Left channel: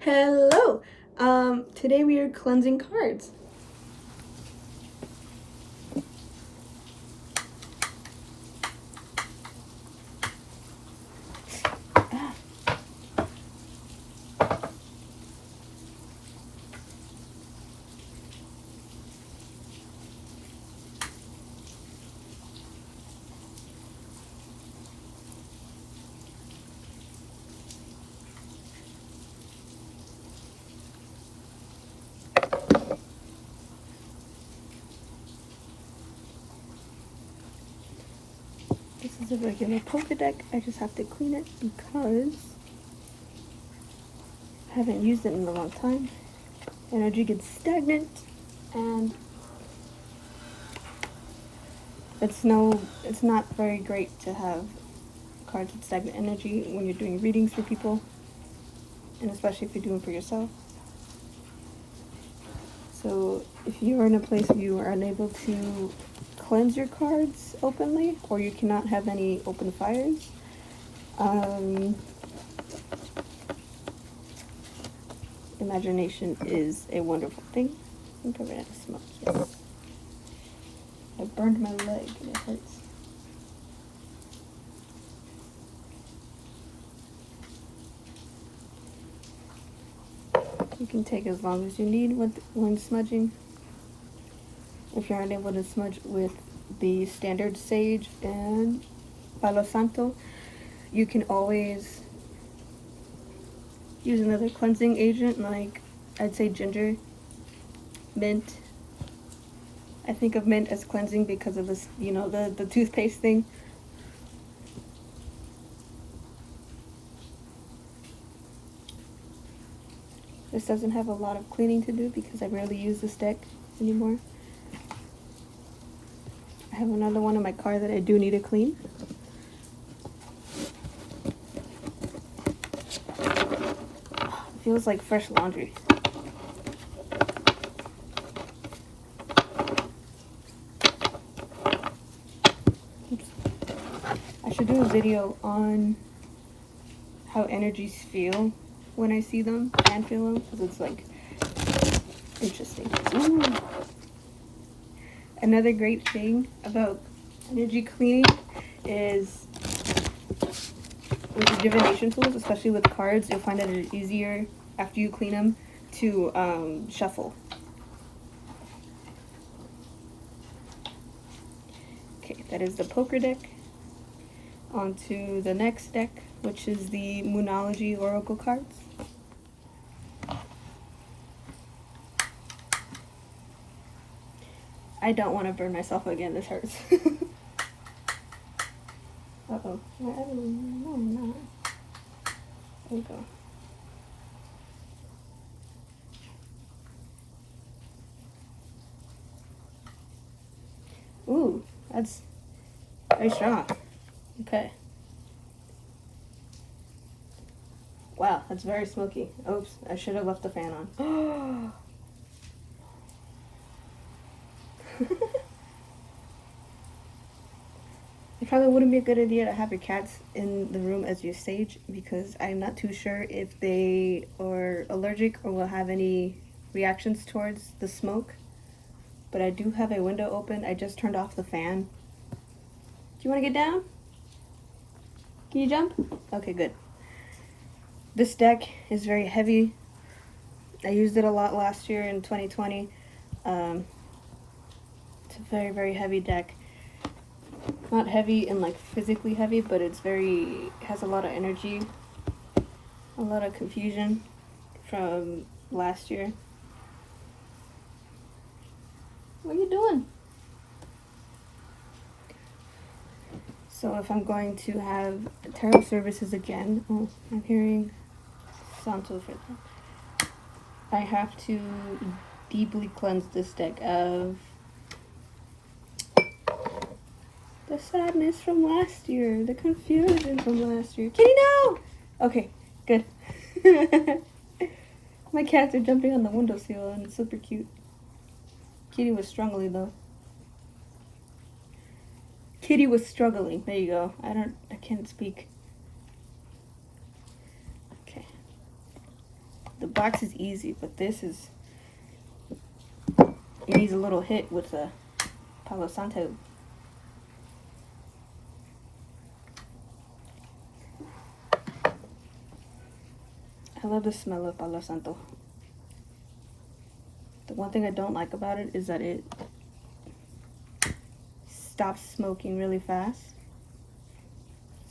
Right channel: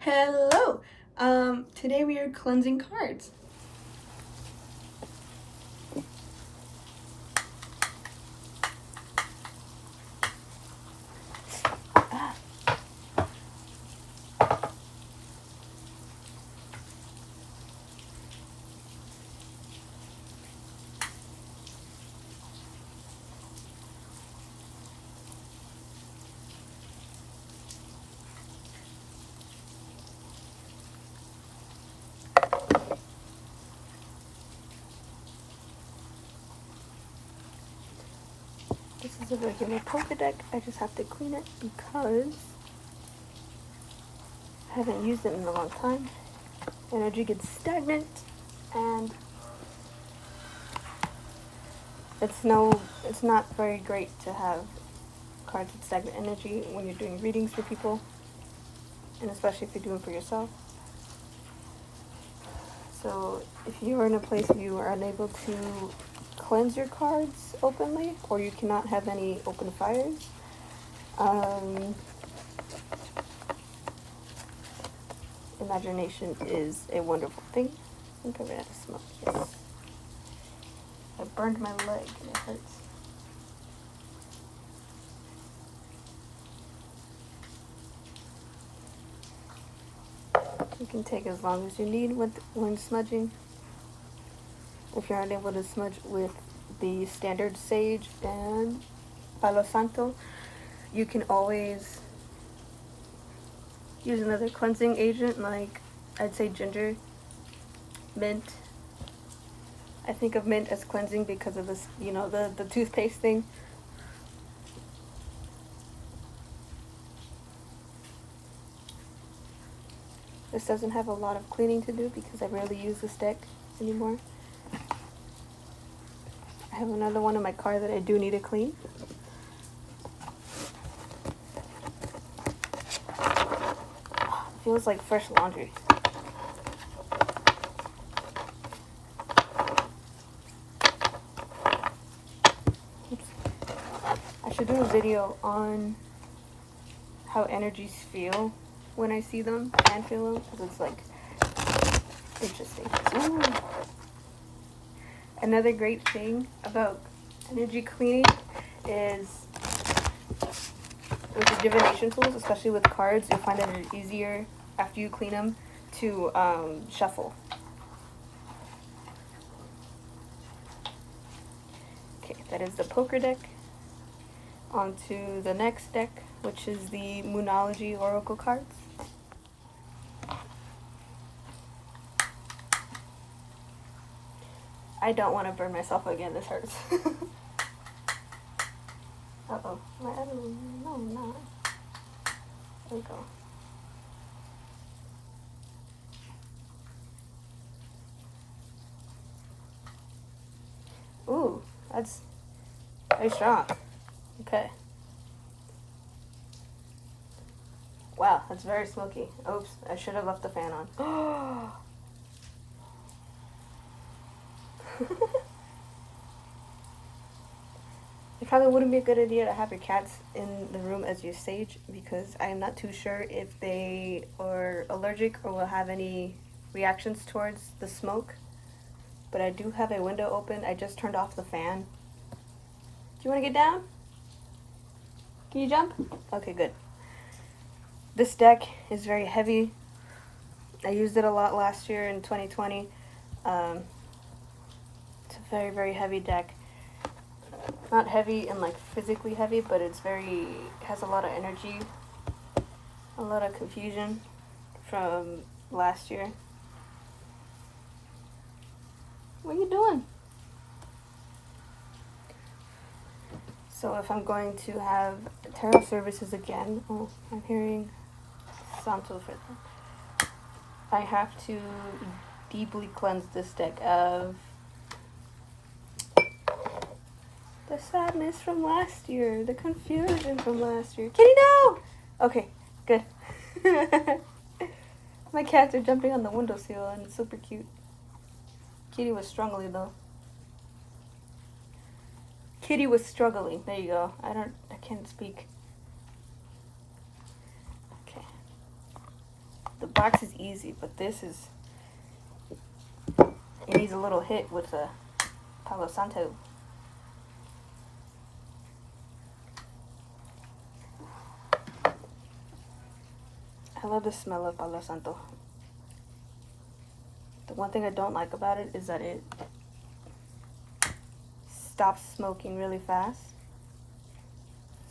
Hello! Today we are cleansing cards. This is a regular poker deck. I just have to clean it because I haven't used it in a long time. Energy gets stagnant and it's not very great to have cards with stagnant energy when you're doing readings for people, and especially if you're doing it for yourself. So if you are in a place where you are unable to cleanse your cards openly, or you cannot have any open fires, imagination is a wonderful thing. I think I'm gonna smoke this. I burned my leg and it hurts. You can take as long as you need when smudging. If you're unable to smudge with the standard sage and Palo Santo, you can always use another cleansing agent, like I'd say ginger, mint. I think of mint as cleansing because of this, the toothpaste thing. This doesn't have a lot of cleaning to do because I rarely use this deck anymore. I have another one in my car that I do need to clean. It feels like fresh laundry. Oops. I should do a video on how energies feel when I see them and feel them, because it's like interesting. Ooh. Another great thing about energy cleaning is with the divination tools, especially with cards, you'll find that it's easier after you clean them to shuffle. Okay, that is the poker deck. On to the next deck, which is the Moonology Oracle cards. I don't want to burn myself again, this hurts. Uh-oh, my other one, no, I'm not. There we go. Ooh, that's very strong. Okay. Wow, that's very smoky. Oops, I should have left the fan on. It probably wouldn't be a good idea to have your cats in the room as your sage, because I'm not too sure if they are allergic or will have any reactions towards the smoke. But I do have a window open. I just turned off the fan. Do you want to get down? Can you jump? Okay, good. This deck is very heavy. I used it a lot last year in 2020. It's a very, very heavy deck. Not heavy and like physically heavy, but it has a lot of energy, a lot of confusion from last year. What are you doing? So if I'm going to have tarot services again, oh, I'm hearing Santo for that. I have to deeply cleanse this deck of the sadness from last year, the confusion from last year. Kitty, no! Okay, good. My cats are jumping on the windowsill and it's super cute. Kitty was struggling though. Kitty was struggling. There you go. I can't speak. Okay. The box is easy, but this is, it needs a little hit with the Palo Santo. I love the smell of Palo Santo. The one thing I don't like about it is that it stops smoking really fast.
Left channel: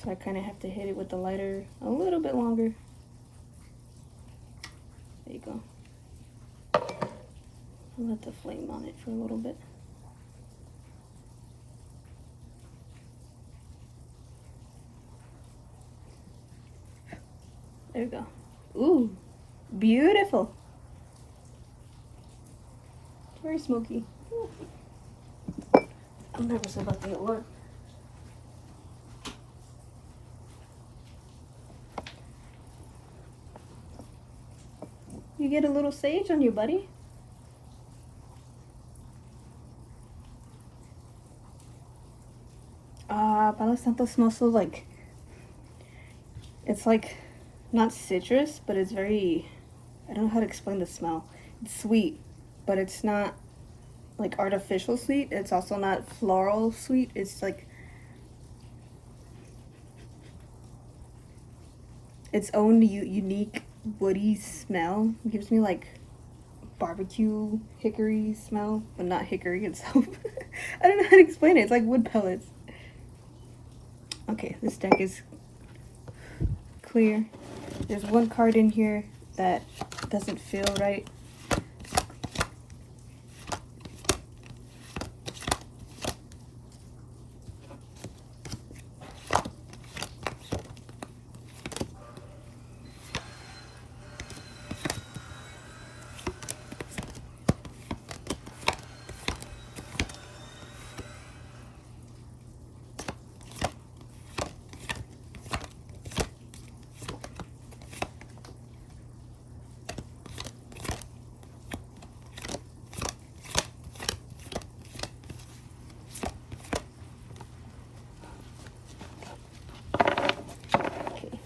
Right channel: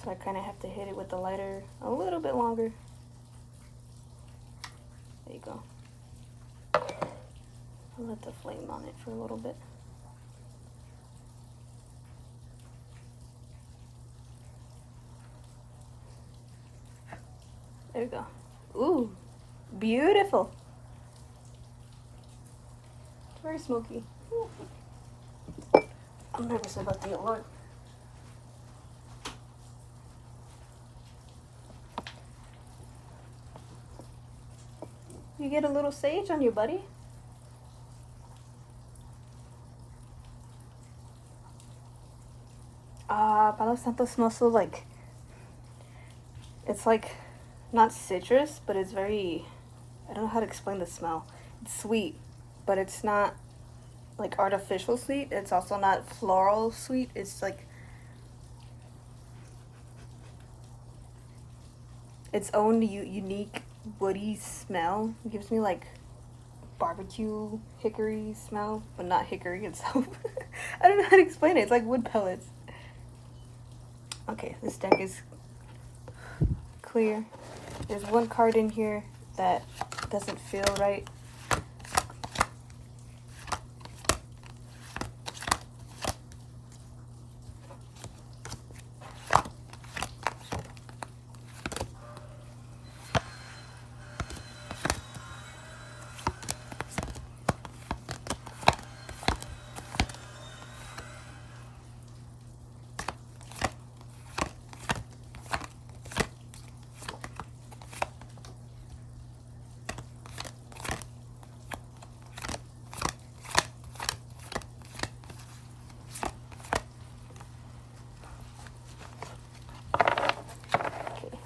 So I kind of have to hit it with the lighter a little bit longer. There you go. I'll let the flame on it for a little bit. There you go. Ooh, beautiful. It's very smoky. I'm nervous about the Lord. You get a little sage on you, buddy. Palo Santo smells so like, it's like not citrus, but it's very, I don't know how to explain the smell. It's sweet, but it's not like artificial sweet. It's also not floral sweet. It's like its own unique woody smell. It gives me like barbecue hickory smell, but not hickory itself. I don't know how to explain it. It's like wood pellets. Okay, this deck is clear. There's one card in here that doesn't feel right.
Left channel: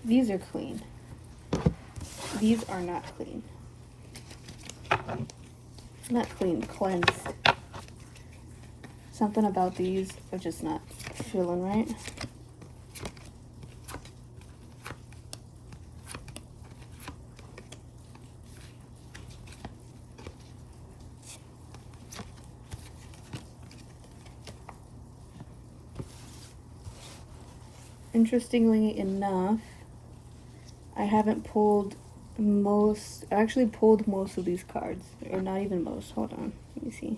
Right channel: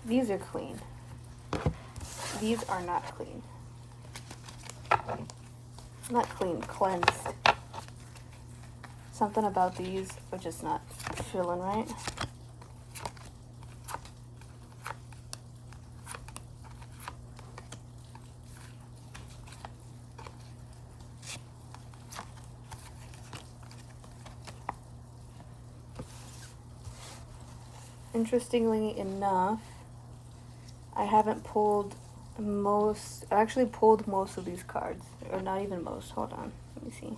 These are clean. These are not clean. Not clean, cleansed. Something about these are just not feeling right. Interestingly enough, I haven't pulled most, I actually pulled most of these cards, or not even most. Hold on, let me see.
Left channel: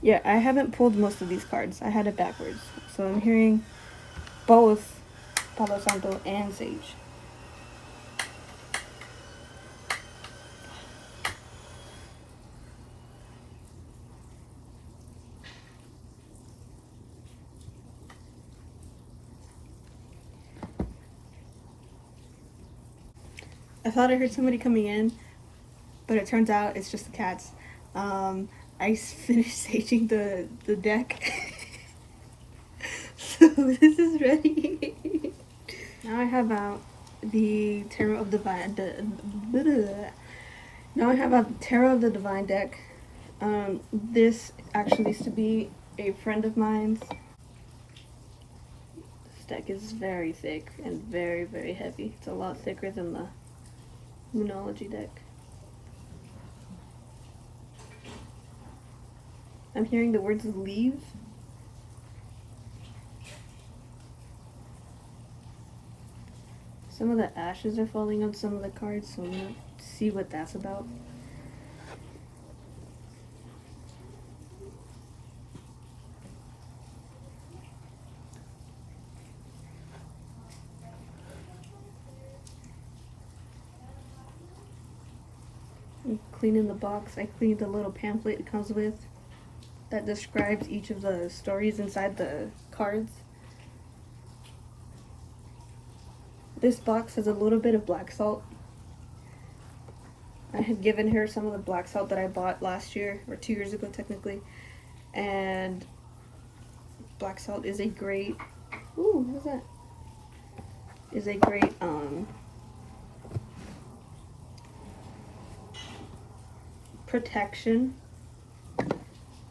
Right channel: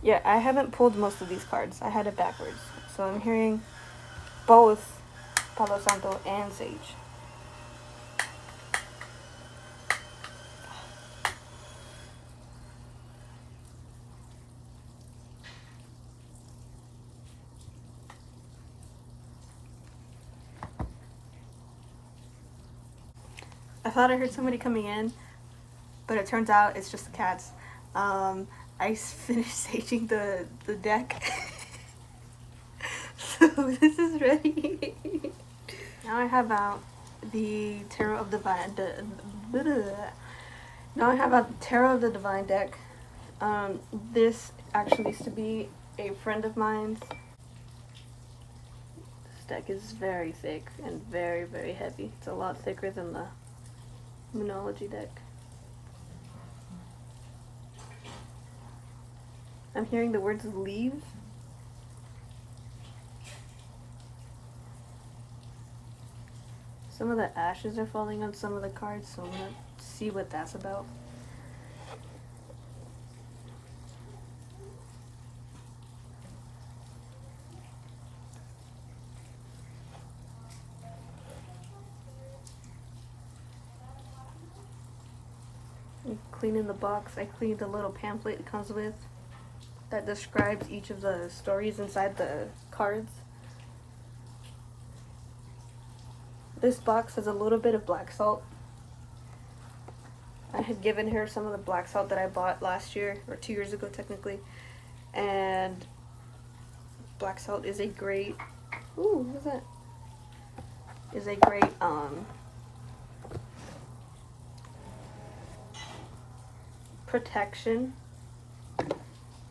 Yeah, I haven't pulled most of these cards. I had it backwards. So I'm hearing both Palo Santo and Sage. I thought I heard somebody coming in, but it turns out it's just the cats. I finished saging the deck. So this is ready. Now I have out the Tarot of the Divine. Now I have a Tarot of the Divine deck. This actually used to be a friend of mine's. This deck is very thick and very, very heavy. It's a lot thicker than the Moonology deck. I'm hearing the words leave. Some of the ashes are falling on some of the cards, so I'm gonna see what that's about. I'm cleaning the box. I cleaned the little pamphlet it comes with that describes each of the stories inside the cards. This box has a little bit of black salt. I had given her some of the black salt that I bought last year, or 2 years ago technically, and Black salt is a great, ooh, what's that? Is a great protection.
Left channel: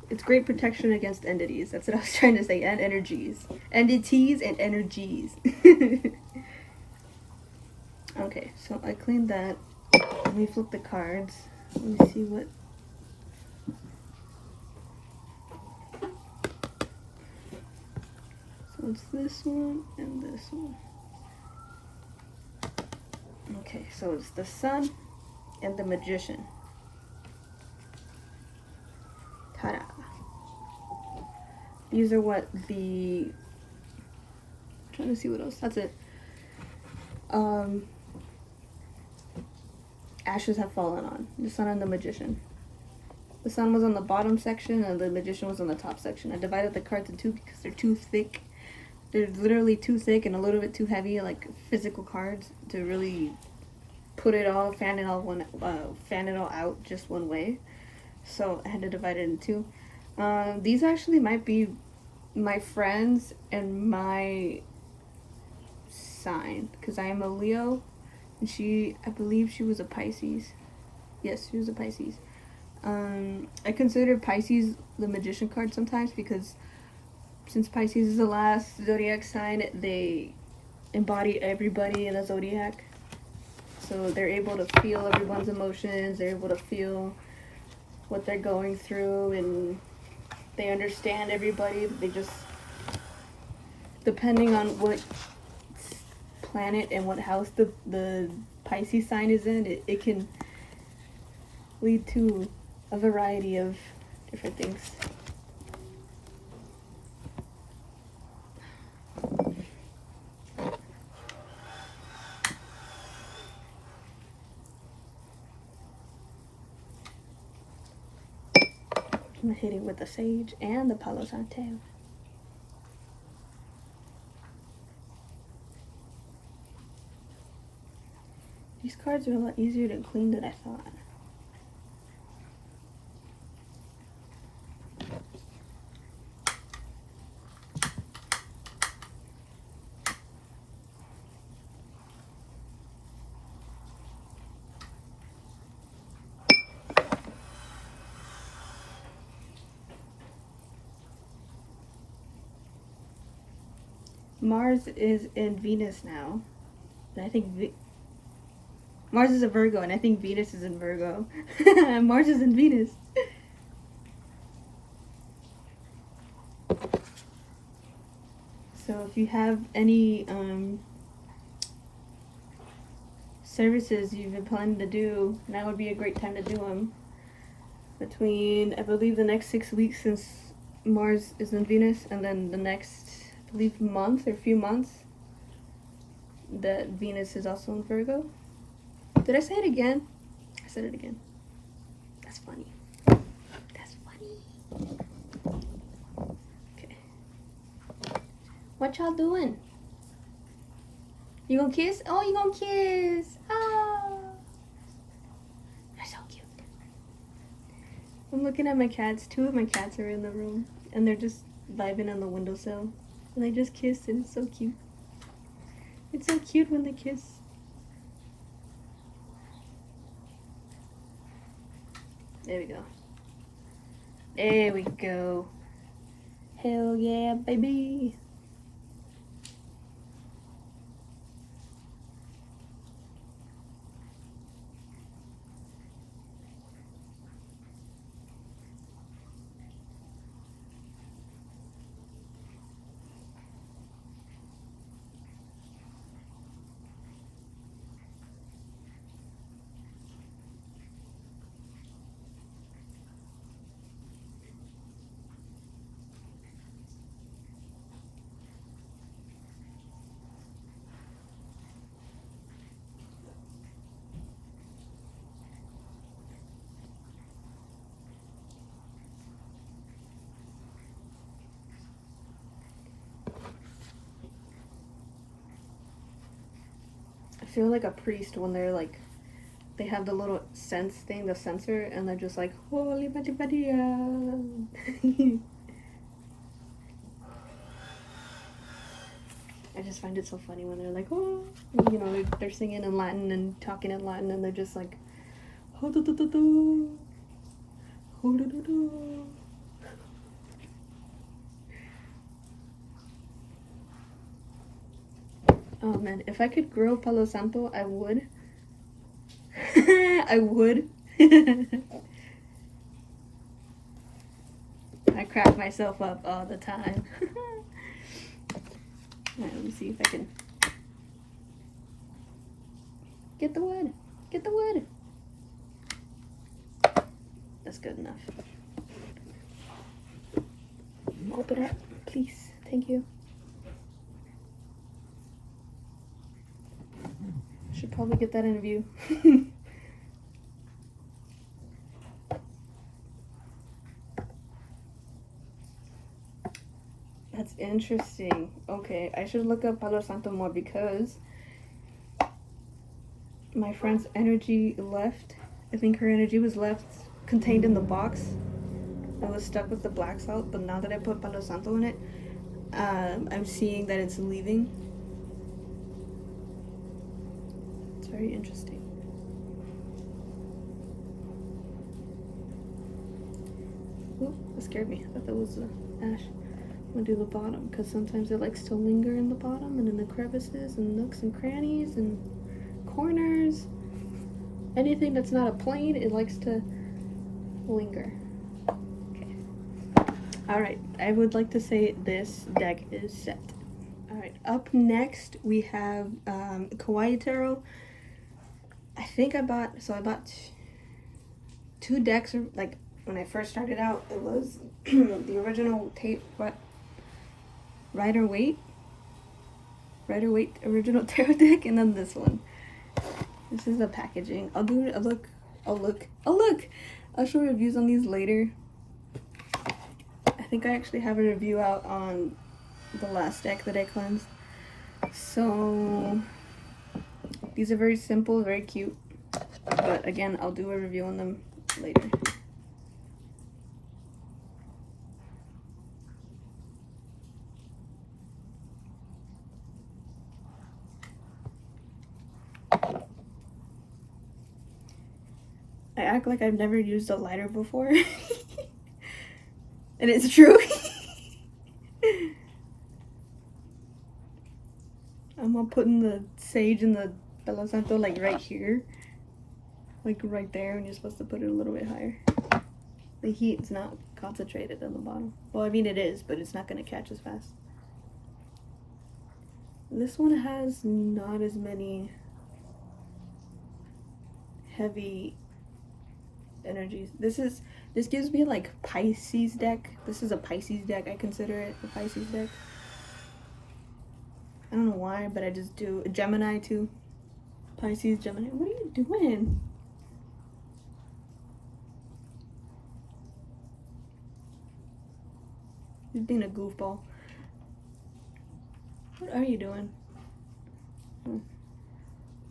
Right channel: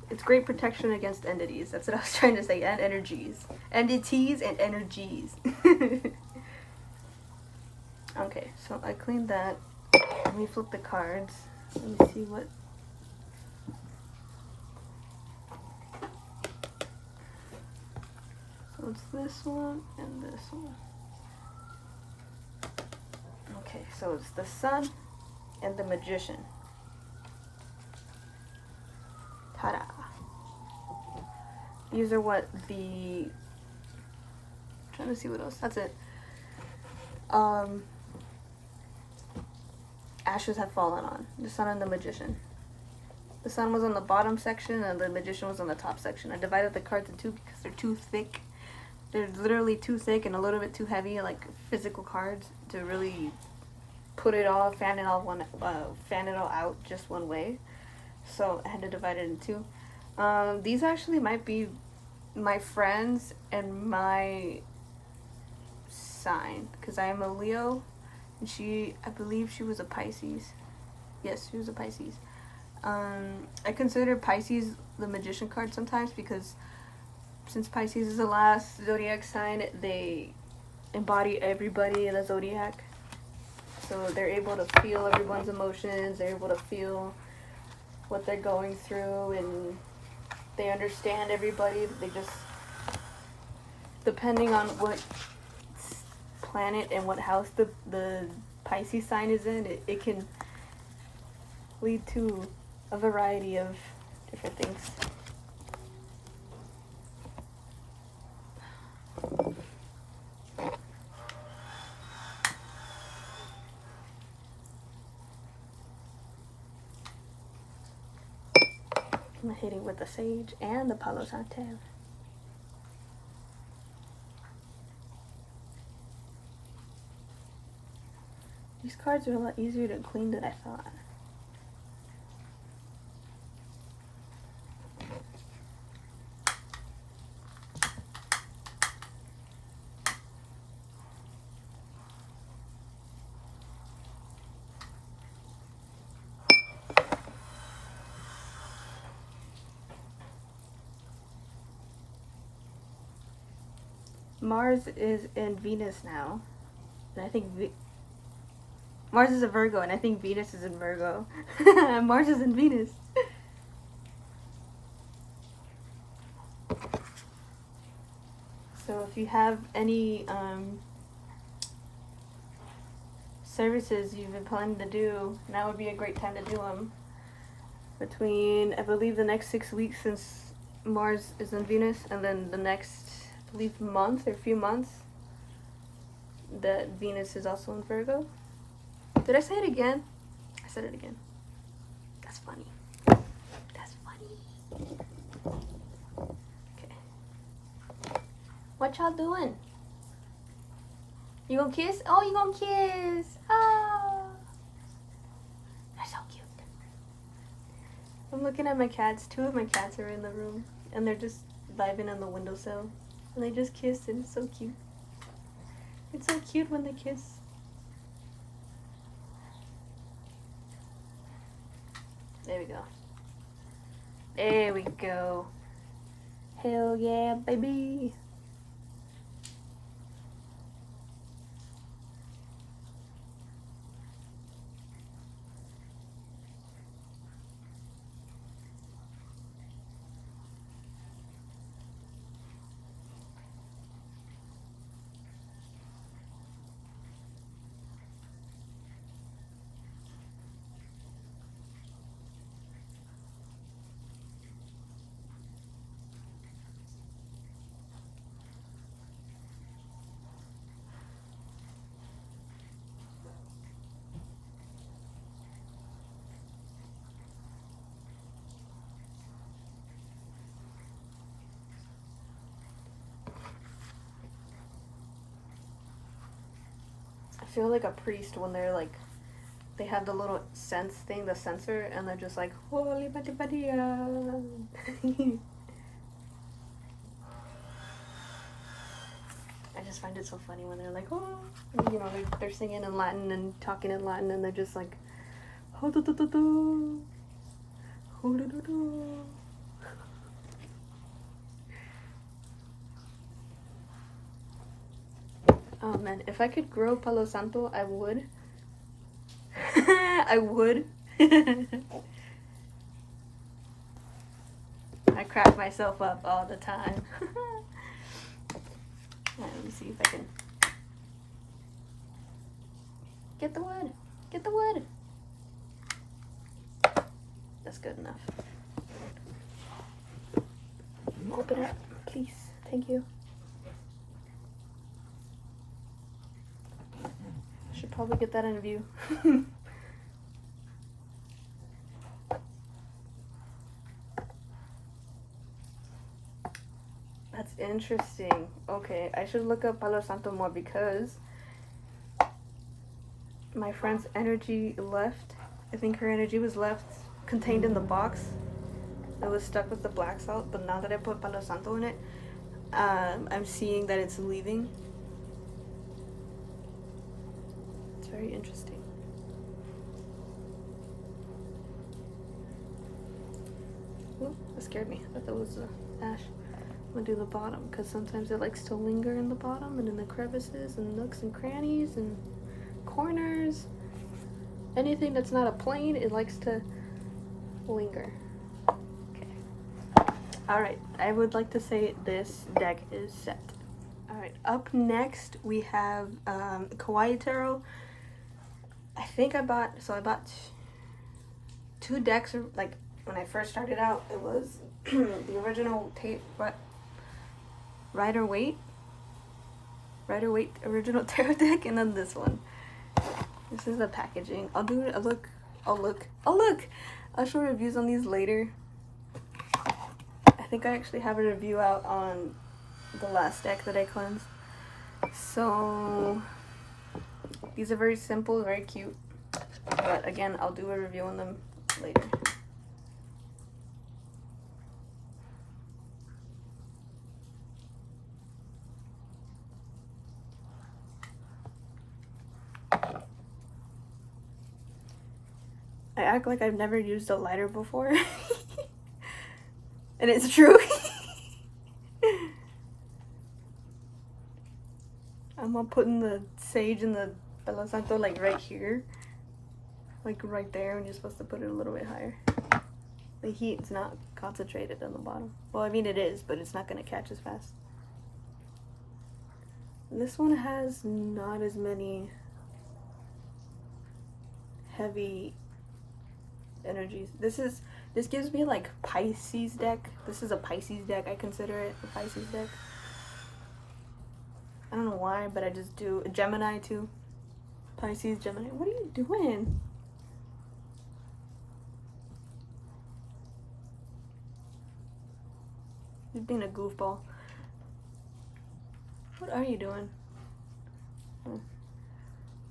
It's great protection against entities. That's what I was trying to say. And energies. Entities and energies. Okay, so I cleaned that. Let me flip the cards. Let me see what. So it's this one and this one. Okay, so it's the Sun and the Magician. Ta-da! These are what the. I'm trying to see what else. That's it. Ashes have fallen on the Sun and the Magician. The Sun was on the bottom section and the Magician was on the top section. I divided the cards in two because they're too thick. They're literally too thick and a little bit too heavy, like physical cards, to really put it all, fan it all out just one way. So I had to divide it in two. These actually might be my friends and my sign, because I am a Leo, and I believe she was a Pisces. Yes, she was a Pisces. I consider Pisces the Magician card sometimes because since Pisces is the last zodiac sign, they embody everybody in the zodiac. So they're able to feel everyone's emotions, they're able to feel what they're going through, and they understand everybody. They just, depending on what planet and what house the Pisces sign is in, it can lead to a variety of different things. I'm hitting with the Sage and the Palo Santo. These cards are a lot easier to clean than I thought. Mars is in Venus now, and I think Mars is a Virgo, and I think Venus is in Virgo. Mars is in Venus. So if you have any services you've been planning to do, now would be a great time to do them. Between, I believe, the next 6 weeks, since Mars is in Venus, and then the next, I believe, month or few months that Venus is also in Virgo. Did I say it again? I said it again. That's funny. That's funny. Okay. What y'all doing? You gonna kiss? Oh, you gonna kiss? Oh. You're so cute. I'm looking at my cats. 2 of my cats are in the room, and they're just vibing on the windowsill. And they just kissed, and it's so cute. It's so cute when they kiss. There we go. There we go. Hell yeah, baby. I feel like a priest when they're like, they have the little sense thing, the sensor, and they're just like, holy badi badi. I just find it so funny when they're like, oh, you know, they're singing in Latin and talking in Latin, and they're just like, oh man, if I could grow Palo Santo, I would. I would. I crack myself up all the time. Right, let me see if I can get the wood. Get the wood. That's good enough. Open up, please. Thank you. Should probably get that in view. That's interesting. Okay, I should look up Palo Santo more because my friend's energy left. I think her energy was left contained in the box. It was stuck with the black salt, but now that I put Palo Santo in it, I'm seeing that it's leaving. It's very interesting. Ooh, that scared me. I thought that was ash. I'm gonna do the bottom because sometimes it likes to linger in the bottom and in the crevices and nooks and crannies and corners. Anything that's not a plane, it likes to linger. Okay. Alright, I would like to say this deck is set. Alright, up next we have Kawaii Tarot. I think I bought two decks. Like when I first started out, it was the original Rider-Waite original tarot deck, and then this one. This is the packaging. I'll do a look. I'll show reviews on these later. I think I actually have a review out on the last deck that I cleansed. So these are very simple, very cute. But again, I'll do a review on them later. I act like I've never used a lighter before. And it's true. I'm gonna put in the sage and the Palo Santo like right here. Like right there, and you're supposed to put it a little bit higher. The heat's not concentrated on the bottom. Well, I mean it is, but it's not gonna catch as fast. And this one has not as many heavy energies. This gives me like Pisces deck. This is a Pisces deck. I consider it a Pisces deck. I don't know why, but I just do a Gemini too. Pisces, Gemini. What are you doing? He's being a goofball. What are you doing?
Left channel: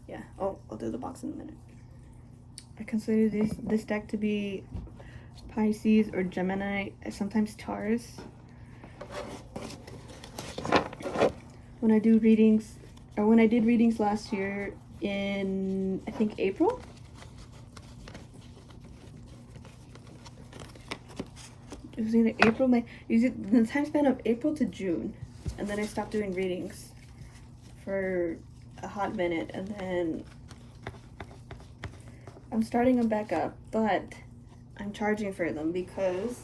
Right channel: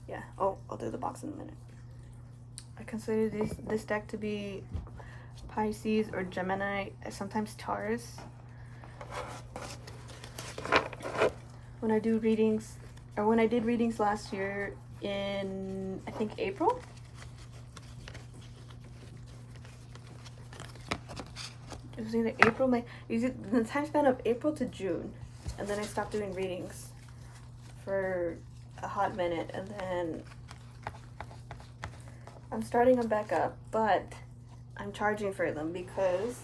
Yeah. Oh, I'll do the box in a minute. I consider this deck to be Pisces or Gemini, sometimes Taurus. When I do readings, or when I did readings last year in, I think, April? It was either April, the time span of April to June. And then I stopped doing readings for a hot minute, and then I'm starting them back up, but I'm charging for them because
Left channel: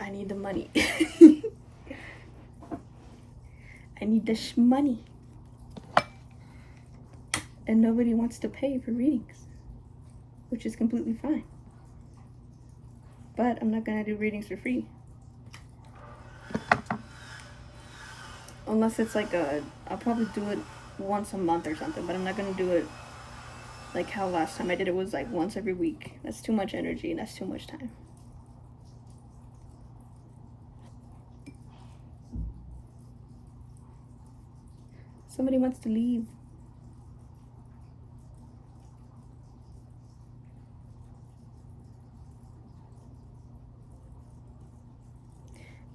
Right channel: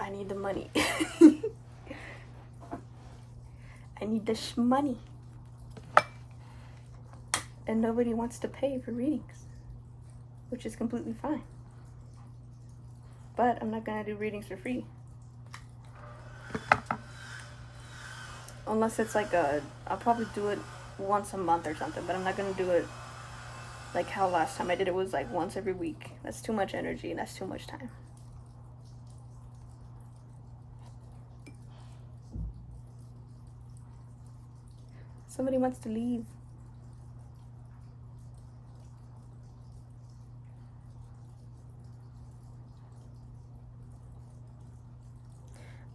I need the money. I need the money. And nobody wants to pay for readings, which is completely fine. But I'm not gonna do readings for free. Unless it's like I'll probably do it once a month or something, but I'm not gonna do it like how last time I did it was like once every week. That's too much energy and that's too much time. Somebody wants to leave.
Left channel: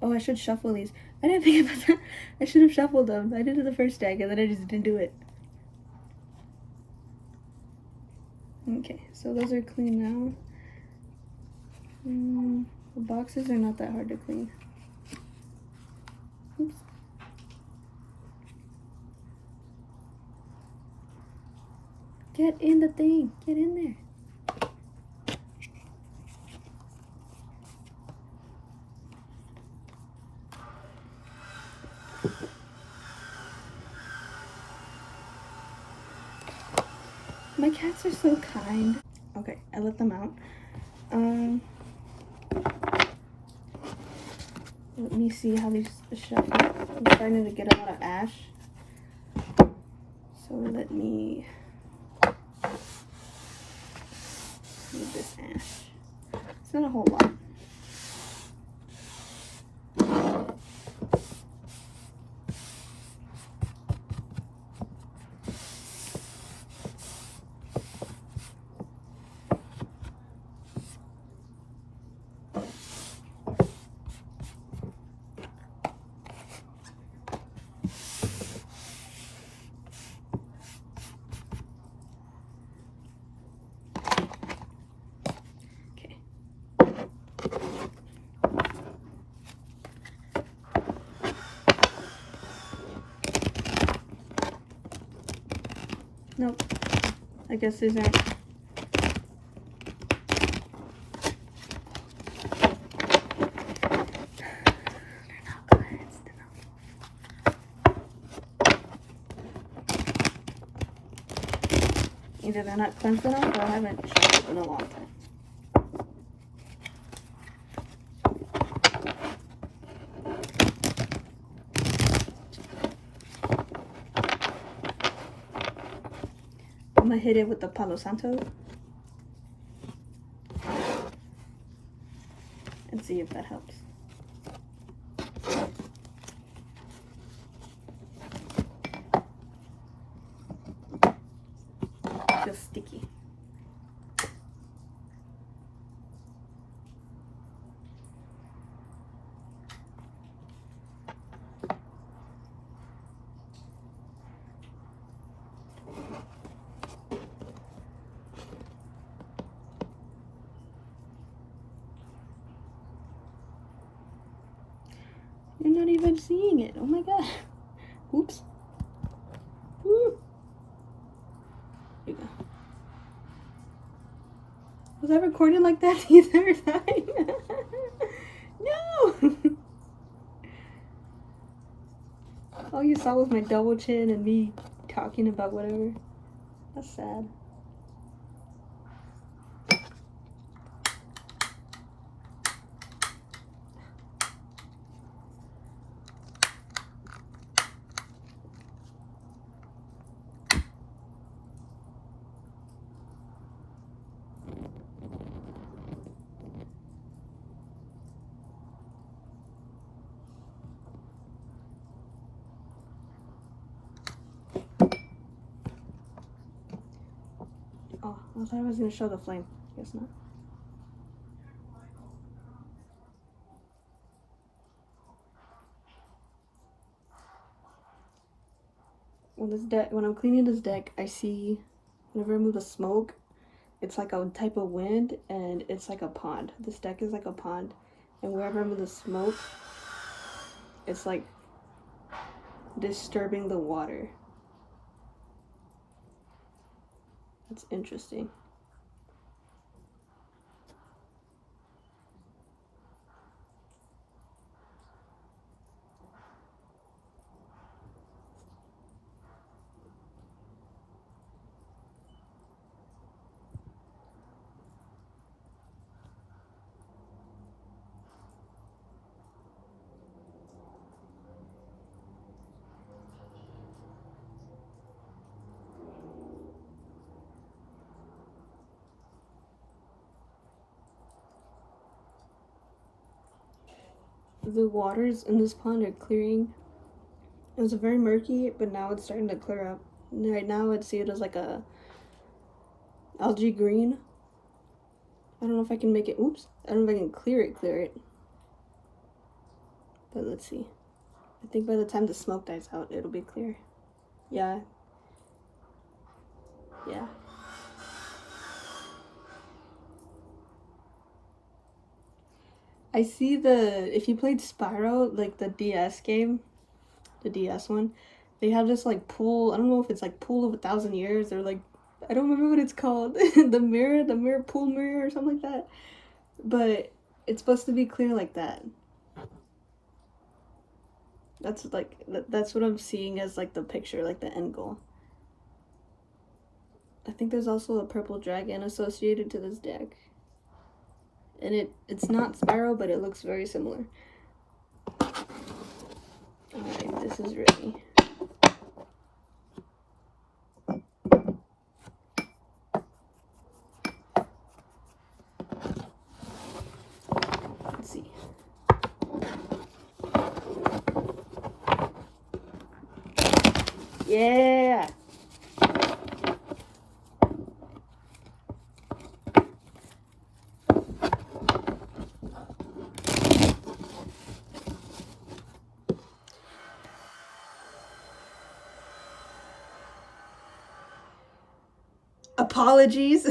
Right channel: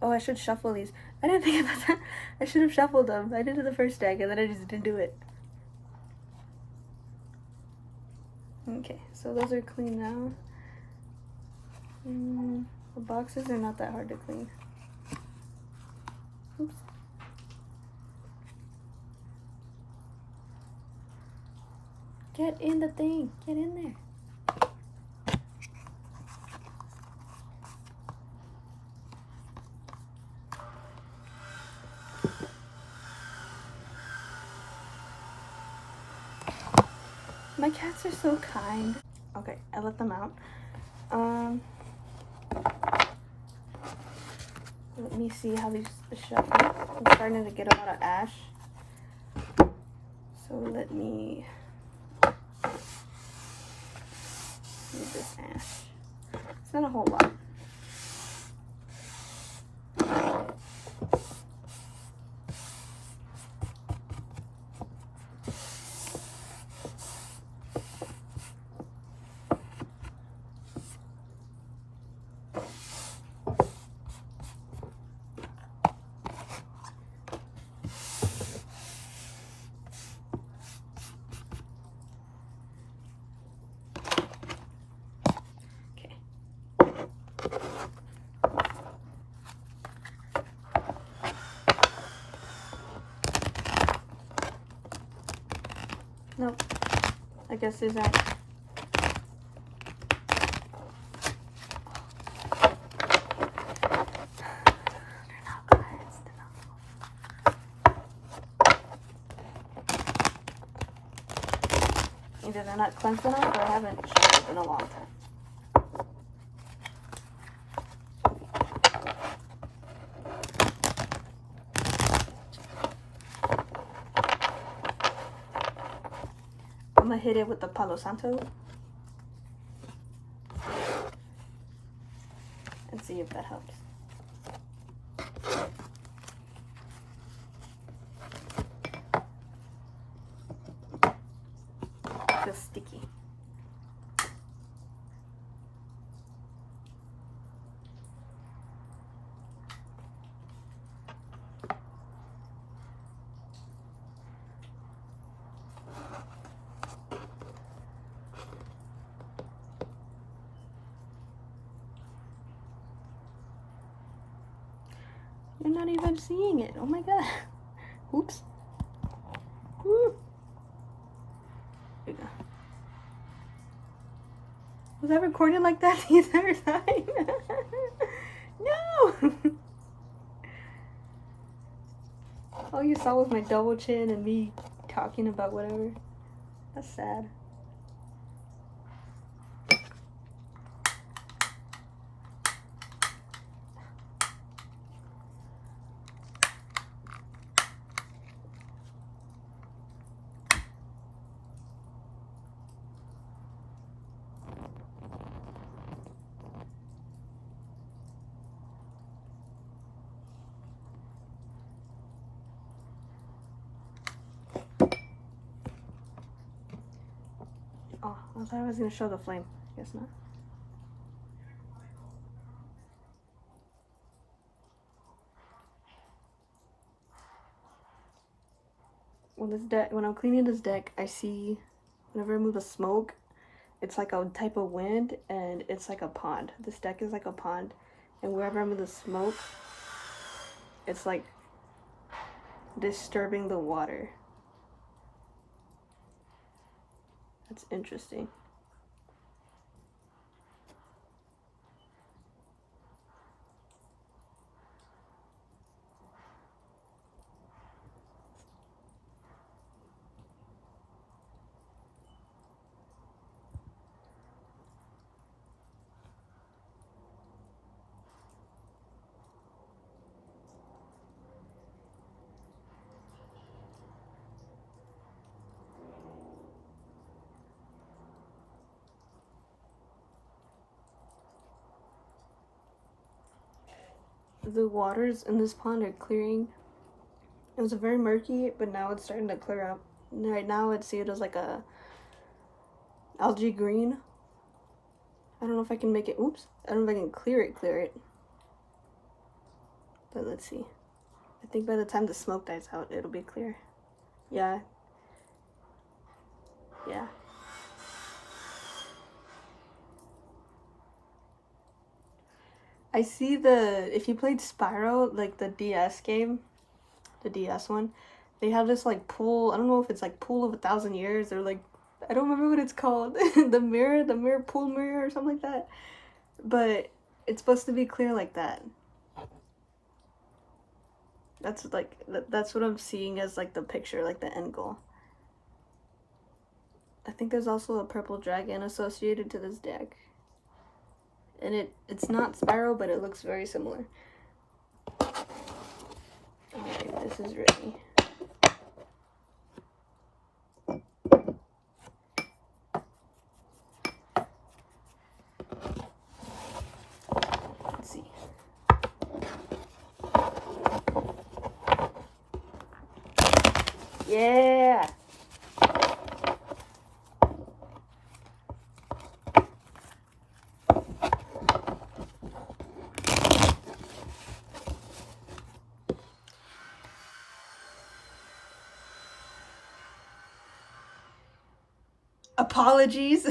Oh, I should shuffle these. I didn't think about that. I should have shuffled them. I did it the first deck and then I just didn't do it. Okay, so those are clean now. The boxes are not that hard to clean. Oops. Get in the thing. Get in there. My cats are so kind. Okay, I let them out. Let me see how these shuffle. I'm starting to get a lot of ash. So let me move this ash. It's not a whole lot. Nope. I guess these aren't. They're not cleansed enough. Either they're not cleansed enough or I haven't shuffled in a long time. I'm gonna hit it with the Palo Santo and see if that helps. It feels sticky. You're not even seeing it. Oh my god. Oops. Woo. There you go. Was I recording like that the entire time? No! All you saw was my double chin and me talking about whatever. That's sad. Oh, I thought I was gonna show the flame. Guess not. When I'm cleaning this deck, I see whenever I remove the smoke, it's like a type of wind and it's like a pond. This deck is like a pond, and wherever I remove the smoke, it's like disturbing the water. That's interesting. The waters in this pond are clearing. It was very murky, but now it's starting to clear up. Right now I'd say it is like a algae green. I don't know if I can make it, oops. I don't know if I can clear it. But let's see. I think by the time the smoke dies out, it'll be clear. Yeah. Yeah. I see if you played Spyro, like the DS game, the DS one, they have this like pool, I don't know if it's like pool of 1,000 years or like, I don't remember what it's called. the mirror, pool mirror or something like that. But it's supposed to be clear like that. That's like, that's what I'm seeing as like the picture, like the end goal. I think there's also a purple dragon associated to this deck. And it's not Sparrow, but it looks very similar. Alright, this is ready. Let's see. Yeah! Apologies.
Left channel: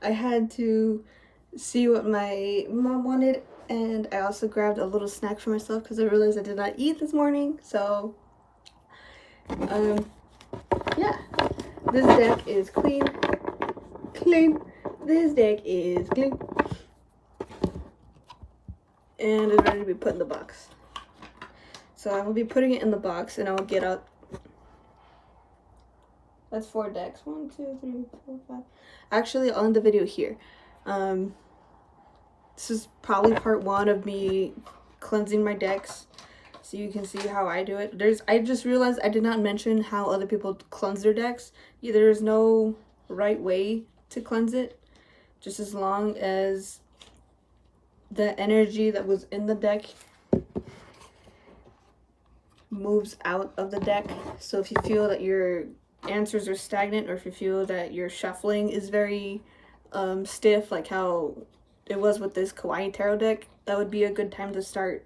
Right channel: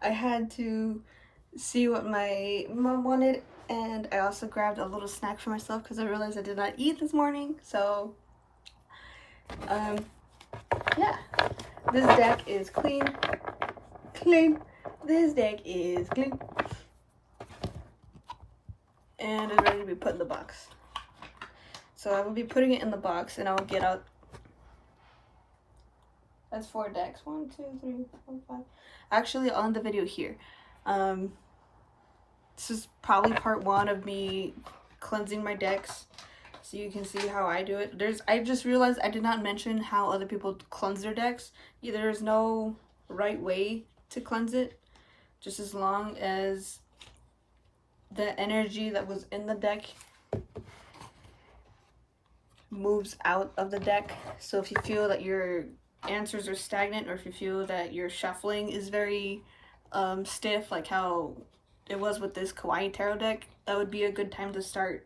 I had to see what my mom wanted, and I also grabbed a little snack for myself because I realized I did not eat this morning. So yeah, this deck is clean. This deck is clean and is ready to be put in the box. So I will be putting it in the box, and I will get out. That's 4 decks. 1, 2, 3, 4, 5. Actually, I'll end the video here. This is probably part 1 of me cleansing my decks, so you can see how I do it. I just realized I did not mention how other people cleanse their decks. There's no right way to cleanse it, just as long as the energy that was in the deck moves out of the deck. So if you feel that your answers are stagnant, or if you feel that your shuffling is very stiff, like how it was with this Kawaii Tarot deck, that would be a good time to start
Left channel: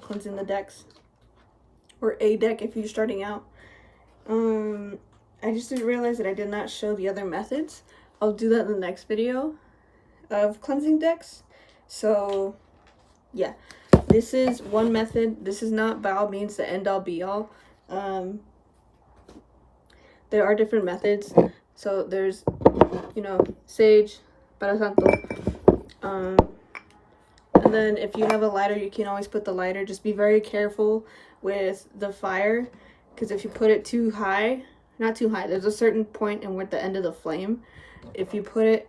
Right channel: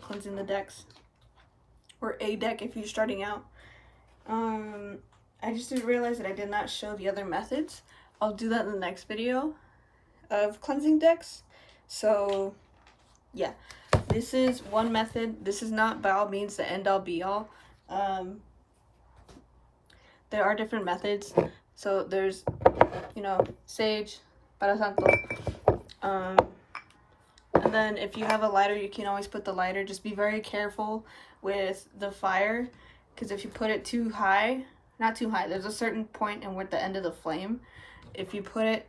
cleansing the decks, or a deck if you're starting out. I just didn't realize that I did not show the other methods. I'll do that in the next video of cleansing decks. So yeah, this is one method. This is not by all means the end all be all. There are different methods. So there's, you know, Sage, Para Santo. And then if you have a lighter, you can always put the lighter. Just be very careful with the fire, because if you put it too high, not too high, there's a certain point and we're at the end of the flame. If you put it,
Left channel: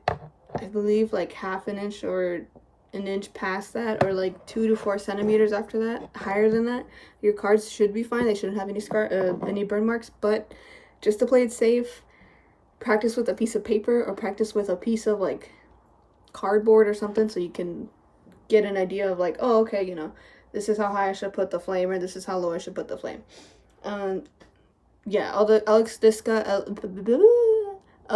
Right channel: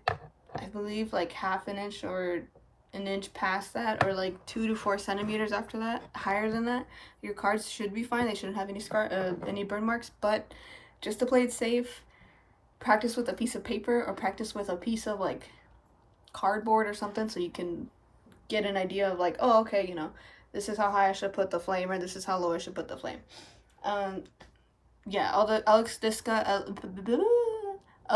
I believe, like ½ an inch or an inch past that, or like 2 to 4 centimeters after that, higher than that, your cards should be fine. They shouldn't have any burn marks. But just to play it safe, practice with a piece of paper, or practice with a piece of like cardboard or something, so you can get an idea of like, oh, okay, you know, this is how high I should put the flame, or this is how low I should put the flame. Yeah, I'll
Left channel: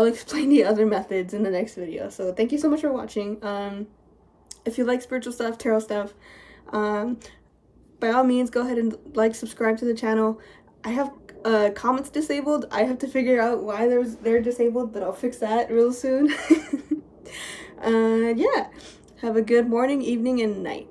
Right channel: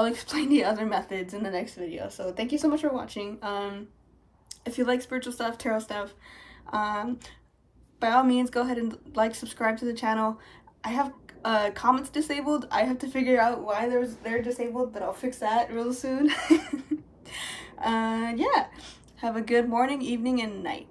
explain the other methods in the next video. So thank you so much for watching. If you like spiritual stuff, tarot stuff, by all means, go ahead and like, subscribe to the channel. I have comments disabled. I have to figure out why they're disabled, but I'll fix that real soon. Yeah, have a good morning, evening, and night.